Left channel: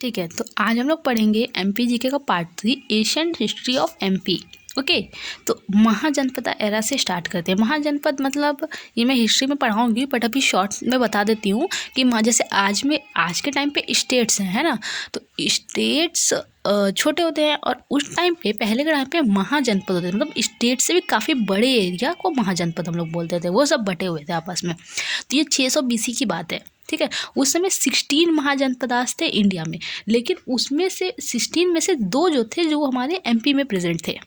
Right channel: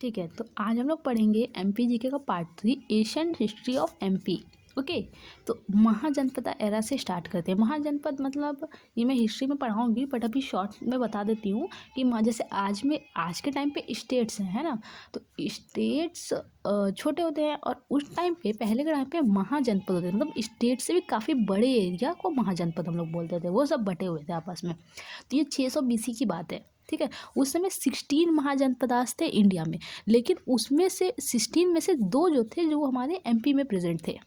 ठीक है, तो आज हम लोग पढ़ेंगे एमपी जीके का part 3 Asian history of MP. Okay, तो महाजनपद एरा से स्टार्ट करते हैं। महाजनपद मतलब ये मैं हिस्ट्री में पढ़ाऊंगी, बट अभी शॉर्ट में बता देती हूँ कि जैसे आज के टाइम पे स्टेट्स हैं, है ना। तो स्टेट्स छोटे होते हैं और उस टाइम पे, पहले के टाइम पे महाजनपद होते थे। मतलब स्टेट से भी काफ़ी बड़े एरिया को महाजनपद हम लोग बोलते थे। वो सब बटे हुए थे आपस में। तो ये 600 BC की बात है। ठीक है, उस समय 16 महाजनपदास थे इंडिया में, लेकिन उसमें से 16 में से 2 जो थे जो हमारे एमपी में प्रेजेंट थे।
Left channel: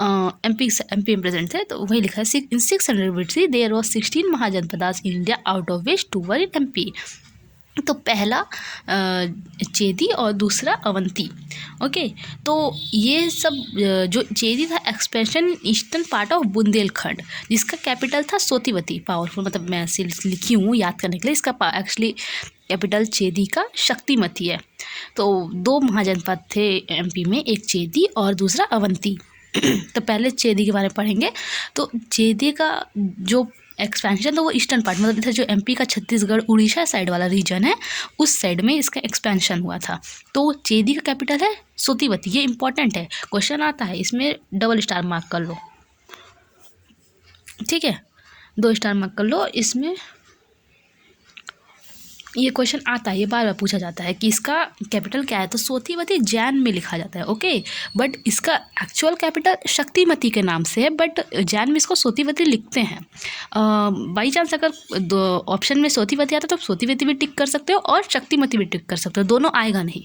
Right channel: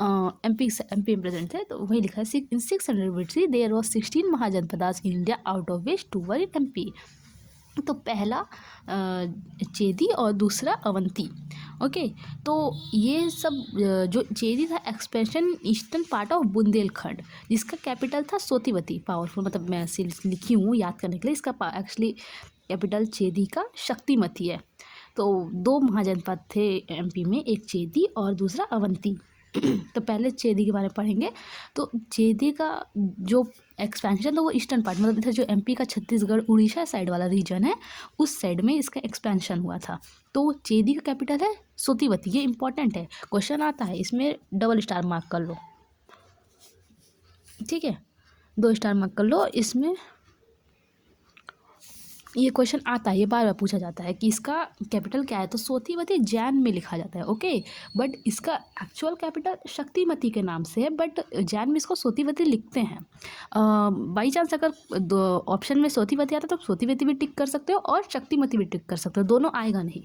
एमपी में प्रेजेंट थे, तो वही लिखा है in 600 BC there was 16 mahajanapadas in India, out of which 2 were in MP. तो पहला चेदी और दूसरा अवंती। ओके, तो ये सब जो चेदी था expansion eastern part of Bundelkhand, जिसका कैपिटल था सोतीवती। पावरफुल, मतलब मैं लिखी हूँ याद करने के लिए। इसका एक्चुअली कैपिटल चेदी का शक्तिमती है। तो 2 महाजनपद थे एमपी में, एक चेदी और दूसरा अवंती। तो पहले चेदी के बारे में पढ़ेंगे। तो चेदी का जो एक्सपेंशन था वो ईस्टर्न पार्ट, मतलब इधर जो एमपी का छत्तीसगढ़ उड़ीसा साइड वाला रीजन है, उस साइड में इसका एक्सपेंशन हुआ था। तो चेदी का कैपिटल है सोतीवती। ये इंपॉर्टेंट है, क्वेश्चन आता है इसमें, डबल स्टार मार्क कर लो। ठीक है, 2 स्टार मार्क कर लो इसमें। ये क्वेश्चन आता है, ये बार बार पूछा जाता है कि इसका कैपिटल क्या है। तो सोतीवती जैन में लिखा जाता है। ओके, बट इसका एक्चुअल कैपिटल शक्तिमती के नाम से है, बट जैन में इसको सोतीवती लिखते हैं। बाई चांस अगर ऑप्शन में सोतीवती आता है तो सोतीवती भी टिक कर सकते हो और शक्तिमती भी टिक कर सकते हो, दोनों आएगा नहीं।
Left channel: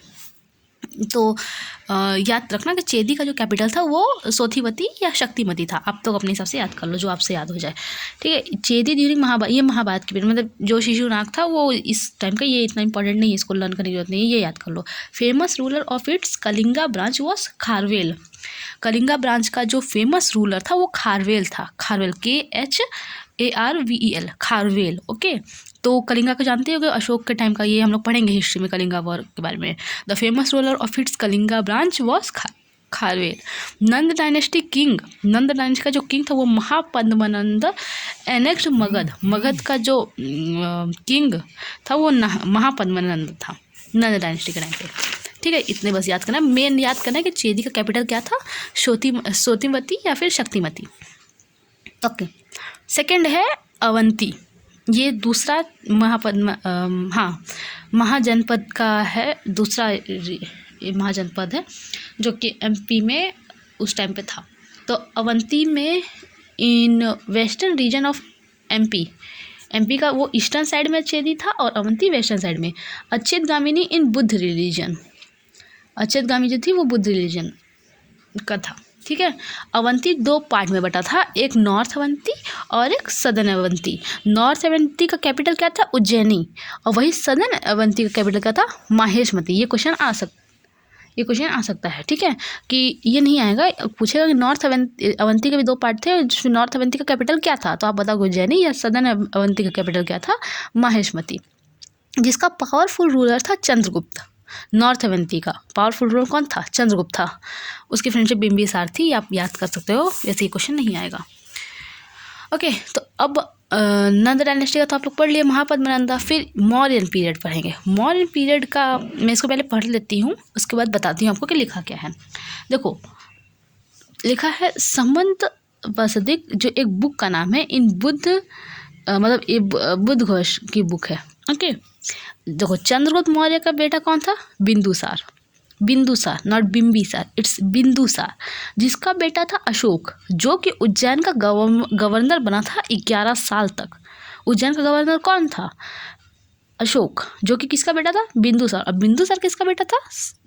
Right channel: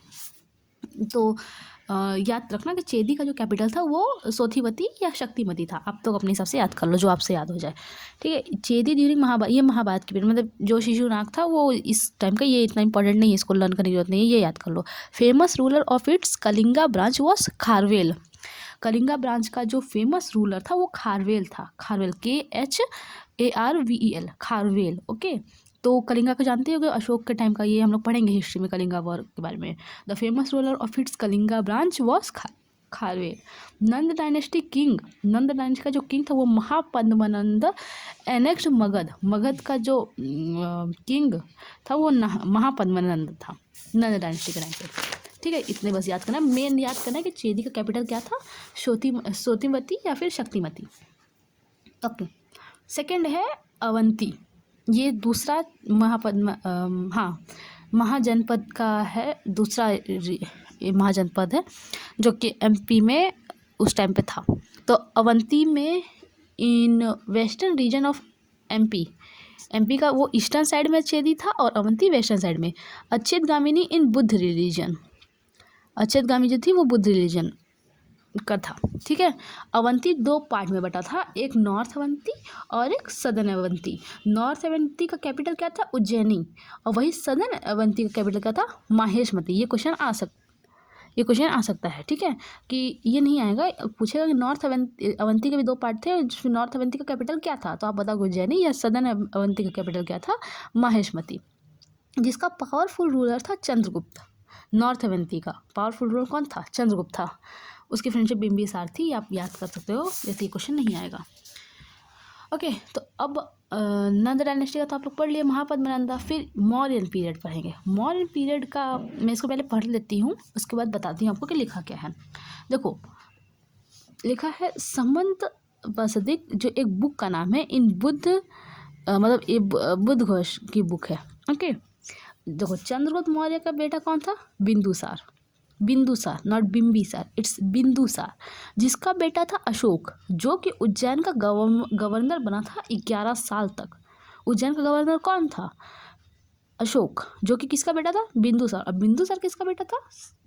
तो याद रखना कि चेदी का जो कैपिटल था वो सोतीवती या शक्तिमती था। आप तो अपने हिसाब से याद कर लो, जो आपसे याद हो जाए। ठीक है, चेदी ड्यूरिंग ये महाभारत की पीरियड, मतलब जो शिशुनाग था वो इस टाइम का। ये इतना इंपॉर्टेंट नहीं है, इसको लर्न करने की जरूरत नहीं है, ये याद कर लो। Famous ruler of its Kalinga branch was Kharavela. Kalinga branch का जो फेमस रूलर था वो खारवेल था। खारवेल, KHARVEL, खारवेल। ओके, तो कलिंगा को जानते हो, अशोक के टाइम का। ये हम लोग पढ़ेंगे हिस्ट्री में कलिंगा वॉर के बारे में। The famous ruler of its Kalinga branch was Kharavela. Nand dynasty king, Nand dynasty का जो किंग था वो महापद्मनंद एनेक्ट मगध। मगध का जो किंग था वो महापद्मनंद था नंद डायनेस्टी के टाइम पे। ठीक है, इतने बस याद करना। मेन याद करना है कि चेदी का कैपिटल क्या था, सोतीमती या फिर शक्तिमती। ओके, सेकंड है अवंती। ये दूसरा महाजनपद का है, दूसरा महाजनपद है जो कि एमपी में उस टाइम पे था। तो अवंती में in western region of MP का वो ईस्टर्न साइड में चेदी था और अवंती वेस्टर्न साइड में। अच्युत गामिनी इन बुद्ध रिलीजन, अच्युत गामी जो थी वो बुद्ध रिलीजन का था। ठीक है, अवंती 2 पार्ट में बटा था, एक नॉर्थ अवंती और एक सदर्न अवंती। नॉर्थ अवंती का कैपिटल क्या था, उज्जैनी, और वही सदर्न अवंती का कैपिटल क्या था, माहेशमती। ये क्वेश्चन आ सकता है। ठीक है, कि ये नहीं आएगा, पूछेगा कि नॉर्थ अवंती के भी 2 पार्ट थे, नॉर्थ अवंती का कैपिटल क्या था, तो आप बताओ उज्जैनी, या सदर्न अवंती का कैपिटल क्या था, माहेशमती। जिसका पावरफुल रूलर था चंद्रगुप्त। नॉर्थ अवंती का पावरफुल रूलर कौन था, चंद्रगुप्त था। उसकी फ्रेंडशिप बिंबिसार थी, आप याद कर सकते हो, वैसे ये क्वेश्चन नहीं आएगा। ओके, तो अब नंद डायनेस्टी का तो आप लोग पढ़ लिए, महापद्मनंदा। फिर मौर्यन पीरियड पढ़ेंगे। मौर्यन पीरियड का मैं इसको पहले पढ़ लेती हूँ, उसके बाद बताती हूँ आपको कि लिखा क्या है। देखो, लिखा है संबंत वसदिक, जो एक बुक का नाम है। इन बुद्ध मतलब ये बुद्ध घोष की बुक है। ओके, देखो, चंद्रगुप्त मौर्य का बेटा कौन था, बिंदुसार। बिंदुसार, नॉट बिंबिसार, इट्स बिंदुसार, जिसका बेटा था अशोक, जो कि उज्जैन का गवर्नर बना था 11 साल तक। उज्जैन का गवर्नर कौन था, अशोक, जो कि किसका बेटा था, बिंदुसार। और बिंदुसार किसका बेटा था,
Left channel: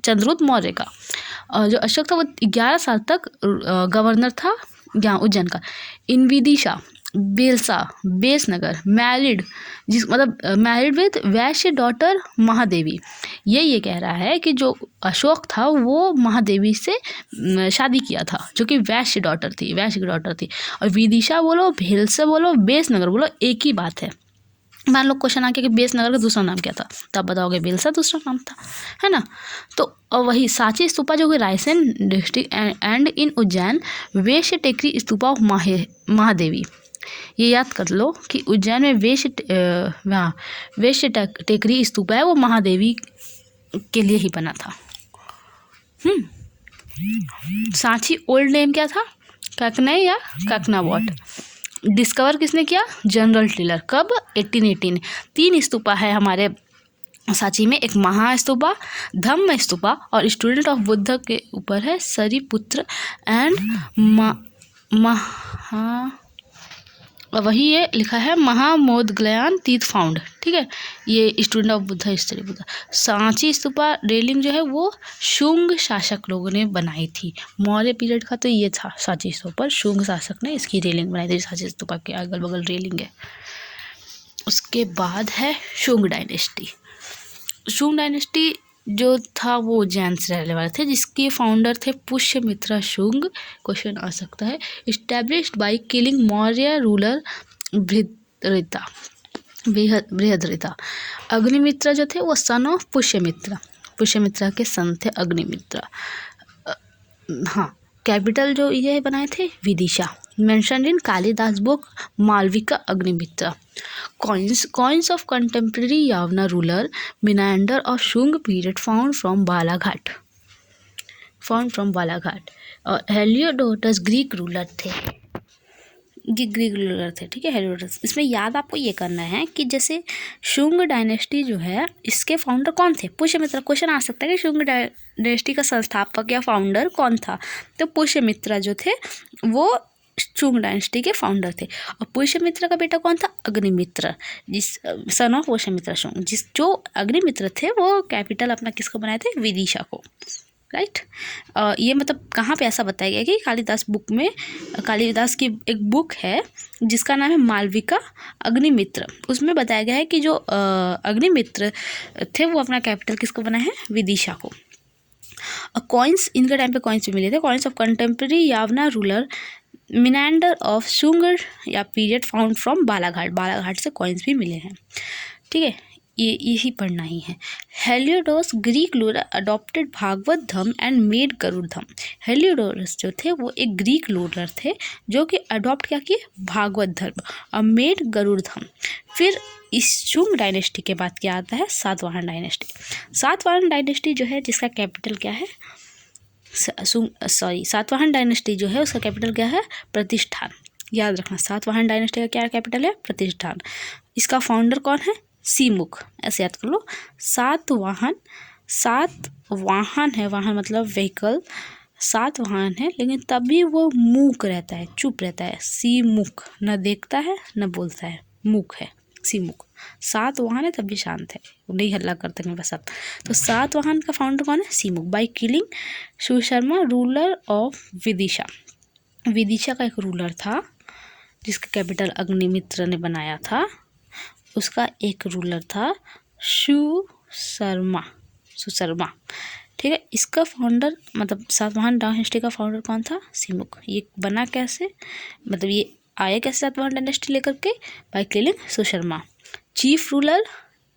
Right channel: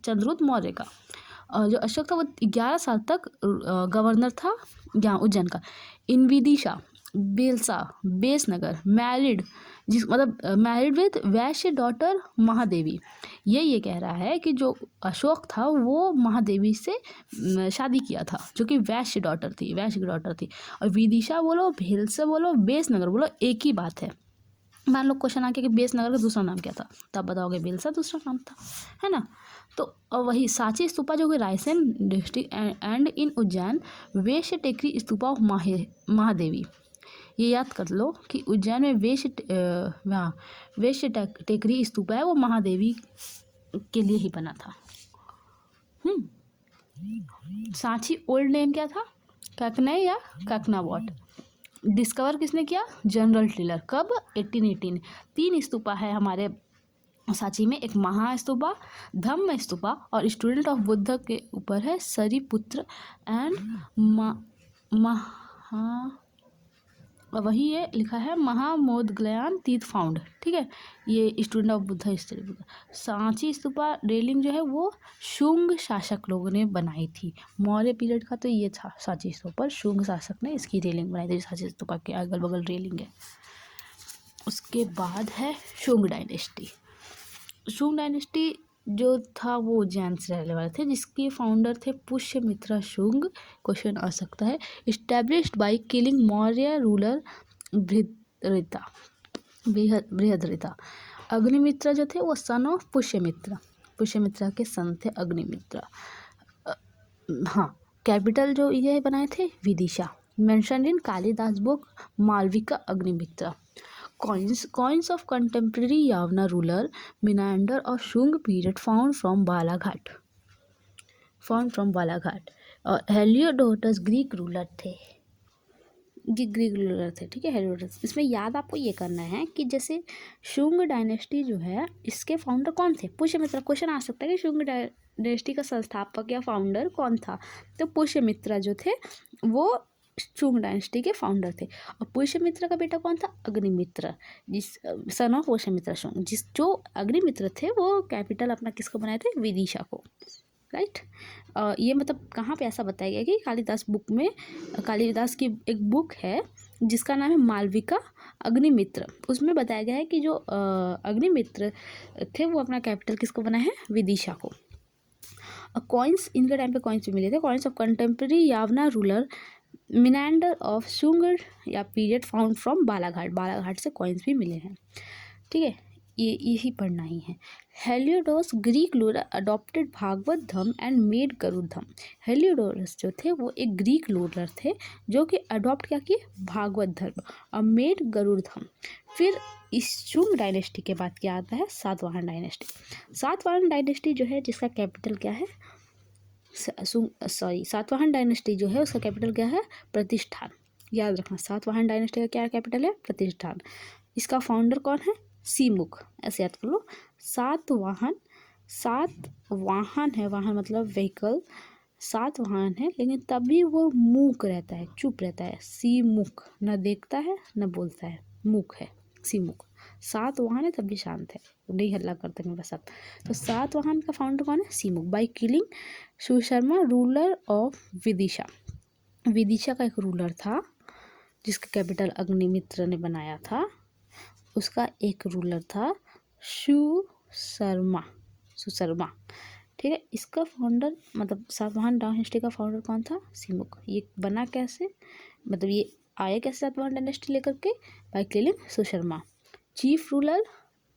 चंद्रगुप्त मौर्य का। और जो अशोक था वो 11 साल तक गवर्नर था यहाँ उज्जैन का। In Vidisha, Bhilsa, Besnagar, married, married with Vaishya daughter Mahadevi. ये कह रहा है कि जो अशोक था वो महादेवी से शादी किया था, जो कि वैश्य की डॉटर थी। और विदिशा बोलो, भेलसा बोलो, बेसनगर बोलो, एक ही बात है। मान लो क्वेश्चन आ गया कि बेसनगर का दूसरा नाम क्या था, तब बताओगे बेलसा दूसरा नाम था, है ना। तो वही सांची स्तूपा जो कि Raisen district and in Ujjain Vaishya Tekri stupa of Mahadevi. ये याद कर लो कि उज्जैन में वेश्य टेकरी स्तूपा है, वो महादेवी के लिए ही बना था। सांची ओल्ड नेम क्या था? ककनई या ककनावट। डिस्कवर किसने किया? General tiller. कब? 1818। 3 स्तूपा है हमारे सांची में, एक महास्तूपा, धम्म स्तूपा और स्टूडेंट ऑफ बुद्ध के ऊपर है सरीपुत्र एंड वही ये लिखा है महामोदग्लायन तीर्थ फाउंड। ठीक है, ये student of Buddha history Buddha. Sanchi stupa railing जो है वो शुंग शासक लोगों ने बनाई थी। मौर्य पीरियड का तो ये था सांची स्तूपा, शुंग शासक ने इसकी रेलिंग बनाई थी। सांची स्तूपा के अगल बगल रेलिंग है। उसके बाद है शुंग डायनेस्टी। शुंग डायनेस्टी जो था वो उज्जैन से रहने वाले थे, जिसके फाउंडर थे पुष्यमित्र शुंग। क्वेश्चन आ सकता है। Established by killing Maurya ruler Brihadratha. Agnimitra जो थे वो सन ऑफ पुष्यमित्र के सन थे अग्निमित्र। हाँ, कैपिटल जो ये बनाए थे Vidisha. Mentioned in Kalidasa book Malavika Agnimitra. Coins of contemporary Yavana ruler Menander of Shung period found from Balaghat। और हेलियोडोटस ग्रीक रूलर थे। ठीक है, हेलियोडोटस। इसमें याद आपको ये करना है कि जैसे शुंग डायनेस्टी जो है इसके फाउंडर कौन थे? पुष्यमित्र। क्वेश्चन आ सकता है कि शुंग डायनेस्टी का संस्थापक या फाउंडर कौन था? तो पुष्यमित्र जो थे वो शुंग डायनेस्टी के फाउंडर थे। और पुष्यमित्र का बेटा कौन था? अग्निमित्र, जिस सन ऑफ पुष्यमित्र शुंग। जो अग्निमित्र थे वो कैपिटल अपना किसको बनाए थे? विदिशा को। राइट। ये मतलब कहाँ पे ऐसा बताया गया कि कालिदास बुक में, कालिदास की एक बुक है जिसका नाम है मालविका अग्निमित्र। उसमें बताया गया है कि जो अग्निमित्र थे वो अपना कैपिटल किसको बनाए हैं? विदिशा को। कॉइन्स, इनके टाइम पे कॉइन्स भी मिले थे। Coins of contemporary Yavana ruler Menander of Shunga या पीरियड फाउंड फ्रॉम बालाघाट से कॉइन्स भी मिले हैं। ठीक है, यही पढ़ना ही है। Heliodorus Greek ruler adopted Bhagavata Dharma and made Garuda धर्म। हेलियोडोरस जो थे वो एक ग्रीक रूलर थे जो कि अडॉप्ट क्या किए? भागवत धर्म और मेड गरुड़ धर्म। फिर इस शुंग डायनेस्टी के बाद क्या आता है? सातवाहन डायनेस्टी। सातवाहन डायनेस्टी जो है जिसका कैपिटल क्या है? सातवाहन डायनेस्टी जो है उसका कैपिटल क्या है? प्रतिष्ठान। याद रखना, सातवाहन डायनेस्टी का क्या कैपिटल है? प्रतिष्ठान। इसका फाउंडर कौन है? सीमुख। ऐसे याद कर लो। सातवाहन है, वाहन मतलब व्हीकल, सातवाहन है लेकिन तभी वो मूक रहता है, चुप रहता है। सीमुख, न देखता है न बोलता है, मूक है सीमुख। सातवाहन है तभी शांत है, नहीं हल्ला करते हैं बस अब। तो सातवाहन का फाउंडर कौन है? Simuka. By killing Susharma ruler of Vidisha. Vidisha का एक रूलर था जिसका कैपिटल अग्निमित्र ने बनाया था। उसका एक रूलर था सुशर्मा। ठीक है, इसका फाउंडर मतलब सातवाहन डायनेस्टी का फाउंडर कौन था? सीमुख। ये बना कैसे, मतलब ये आया कैसे सातवाहन डायनेस्टी लेकर के? By killing Susharma. Chief ruler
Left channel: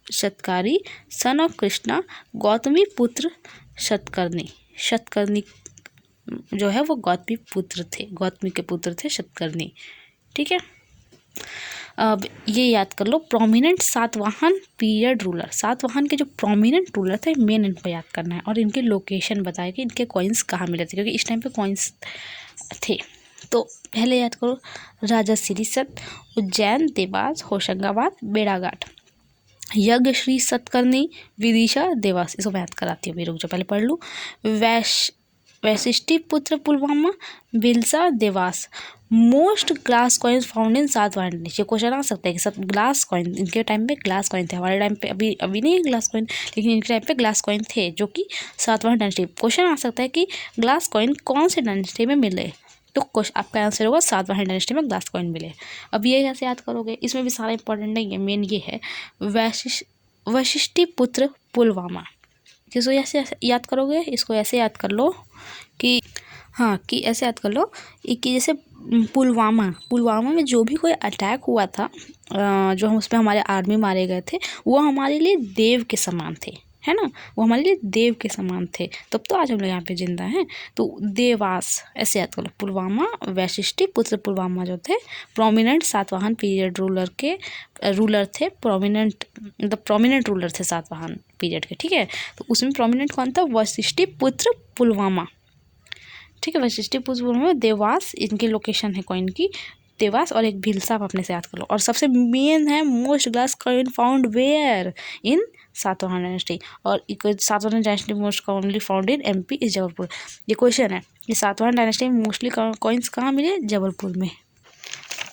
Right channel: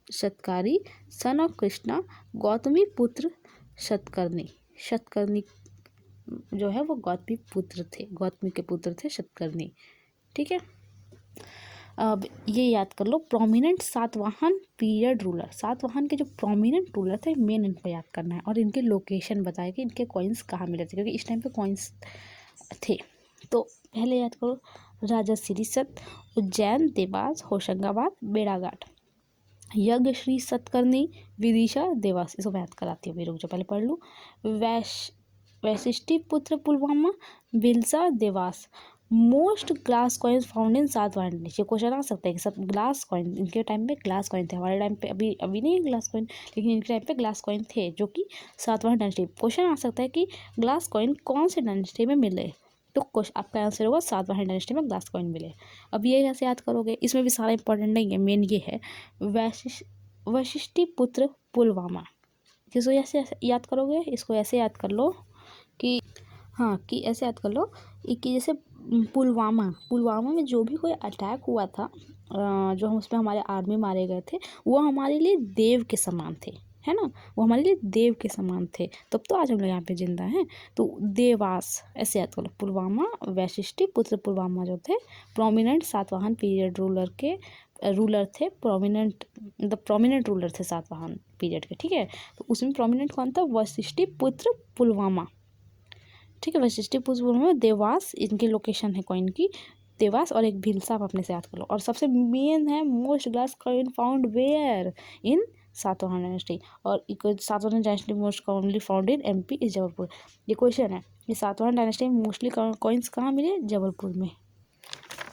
Satakarni, son of Krishna, Gautamiputra Satakarni जो है वो गौतमी के पुत्र थे शतकर्णी। ठीक है, अब ये याद कर लो। Prominent Satavahana period ruler, Satavahana के जो प्रोमिनेंट रूलर थे मेन इनको याद करना है और इनकी लोकेशन बताया कि इनके कॉइन्स कहाँ मिले थे, क्योंकि इस टाइम पे कॉइन्स थे। तो पहले याद करो, राजा सिरिसत, उज्जैन, देवास, होशंगाबाद, बेड़ाघाट। यज्ञ श्री सतकर्णी, विदिशा, देवास। इसको मैं याद कराती हूँ, मेरे रुक जाओ पहले पढ़ लूँ। Vasishthiputra Pulumavi, Bhilsa, Dewas. Most glass coins found in Satavahana dynasty. Question आ सकता है कि सब ग्लास कॉइन, इनके टाइम पे ग्लास कॉइन थे, हमारे टाइम पे अभी नहीं है ग्लास कॉइन, लेकिन इनके टाइम पे ग्लास कॉइन थे जो कि सातवाहन डायनेस्टी। क्वेश्चन आ सकता है कि ग्लास कॉइन कौन से डायनेस्टी में मिले, तो आपका आंसर होगा सातवाहन डायनेस्टी में ग्लास कॉइन मिले। अब ये कैसे याद करोगे? इसमें भी सारा इंपॉर्टेंट नहीं है, मेन ये है वशिष्टि पुत्र पुलवामा। किसको ऐसे याद करोगे? इसको ऐसे याद कर लो कि हाँ, कि ऐसे याद कर लो कि जैसे पुलवामा में जो भी कोई अटैक हुआ था, जो हम उसमें हमारे आर्मी मारे गए थे, वो हमारे लिए देव के समान थे, है ना। वो हमारे लिए देव के समान थे, तब तो आज हम लोग यहाँ पे जिंदा हैं। तो देवास ऐसे याद कर लो। पुलवामा, वैशिष्टि पुत्र पुलवामा जो थे प्रोमिनेंट सातवाहन पीरियड रूलर थे। प्रोमिनेंट रूलर थे सातवाहन पीरियड के, ठीक है। तो उसमें प्रोमिनेंट कौन था, वशिष्ठिपुत्र पुलवामा, ठीक है। वशिष्ठिपुत्र पुलवामा, देवास इनकी लोकेशन है कॉइन की, देवास, और एक भीलसा आप अपने से याद कर लो। और सबसे मेन है most glass coin found where, in Satavahana dynasty, और Satavahana dynasty most commonly found in MP is Jabalpur. ये क्वेश्चन है कि सातवाहन डायनेस्टी में मोस्टली कॉइन्स कहाँ मिले, जबलपुर में।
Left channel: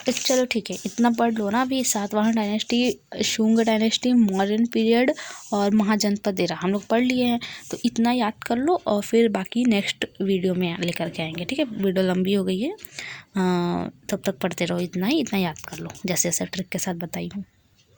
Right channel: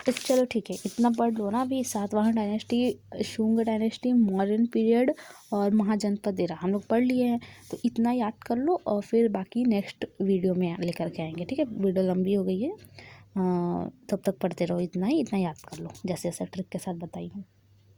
तो चलो ठीक है, इतना पढ़ लो ना अभी। Satavahana dynasty, Shunga dynasty, modern period और महाजनपद एरा हम लोग पढ़ लिए हैं। तो इतना याद कर लो और फिर बाकी नेक्स्ट वीडियो में लेकर के आएंगे, ठीक है। वीडियो लंबी हो गई है, तब तक पढ़ते रहो, इतना याद कर लो जैसे जैसे ट्रिक के साथ बताई हूँ।